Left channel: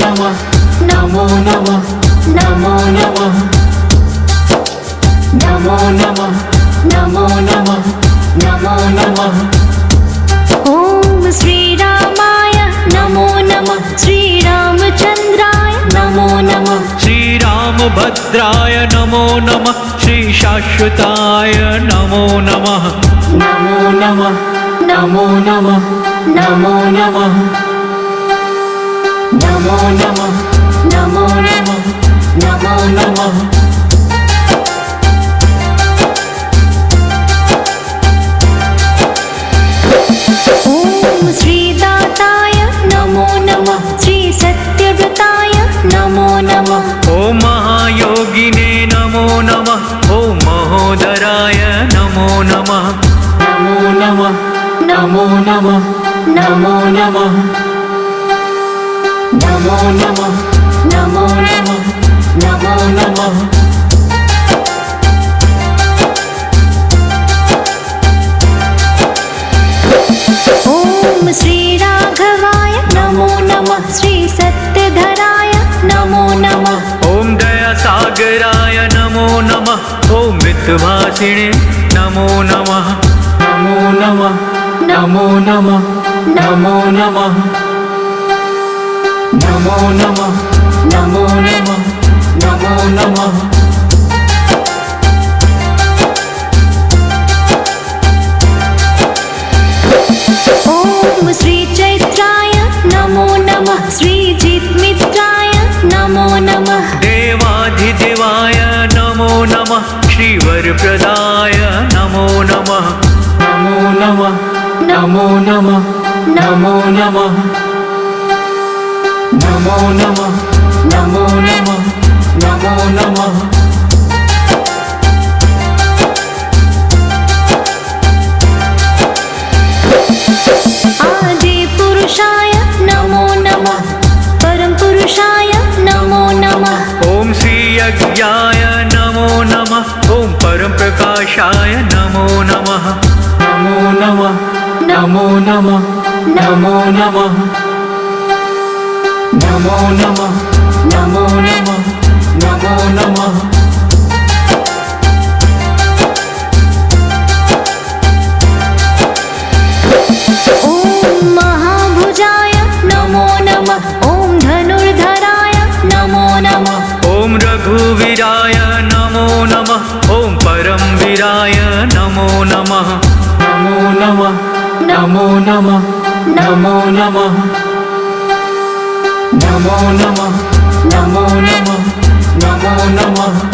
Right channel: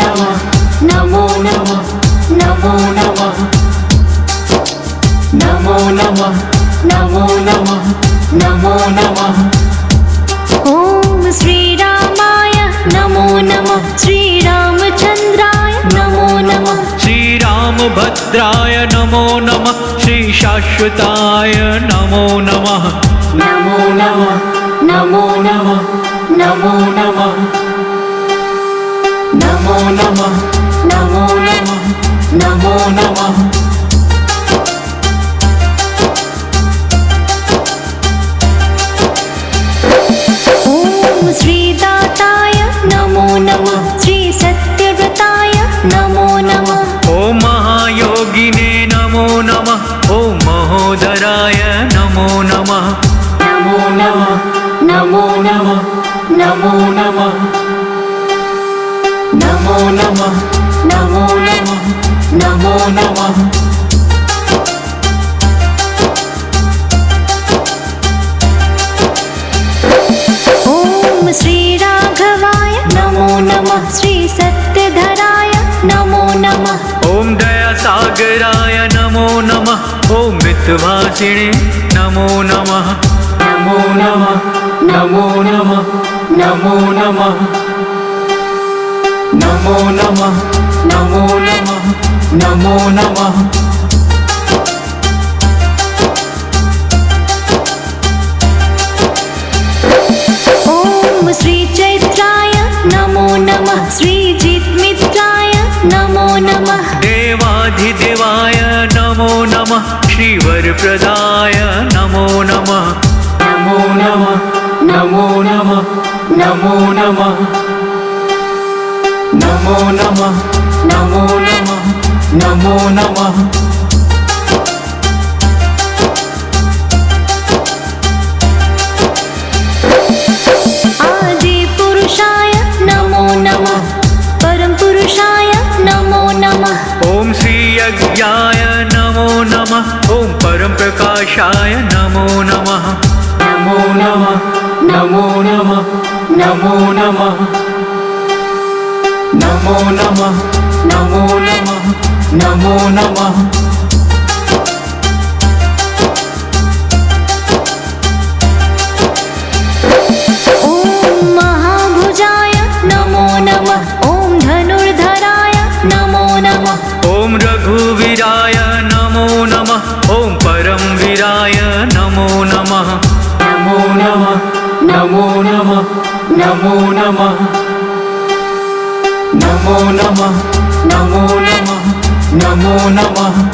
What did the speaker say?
नमः नमो नमः नमो नमः नमो नमः नमो नमः नमो नमः। ॐ श्रीरामाय नमो नमः श्रीरामचन्द्राय नमो नमः श्रीरामभद्राय नमो नमः श्रीशाश्वताय नमो नमः नमो नमः नमो नमः नमो नमः नमो नमः नमो नमः नमो नमः। ॐ श्रीदाताय नमो नमः श्रीसत्यव्रताय नमो नमः ॐ महायोगिने नमो नमः ॐ महोदराय नमो नमः नमो नमः नमो नमः नमो नमः नमो नमः नमो नमः नमो नमः। ॐ श्रीराघवाय नमो नमः श्रीसत्यधराय नमो नमः ॐ दयासागराय नमो नमः ॐ मितभाषिणे नमो नमः नमो नमः नमो नमः नमो नमः नमो नमः नमो नमः नमो नमः। ॐ श्रीचैत्राय नमो नमः श्रीजित्मित्राय नमो नमः देवाधिदेवाय नमो नमः श्रीवरप्रदाय नमो नमः नमो नमः नमो नमः नमो नमः नमो नमः नमो नमः नमो नमः। आदिपुरुषाय नमो नमः परमपुरुषाय नमो नमः ॐ श्रीयज्ञाय नमो नमः ॐ परमप्रकाशाय नमो नमः नमो नमः नमो नमः नमो नमः नमो नमः नमो नमः नमो नमः। ॐ महाभुजाय नमो नमः ॐ धनुर्धराय नमो नमः ॐ रघुवीराय नमो नमः ॐ परमवीराय नमो नमः नमो नमः नमो नमः नमो नमः नमो नमः नमो नमः नमो नमः।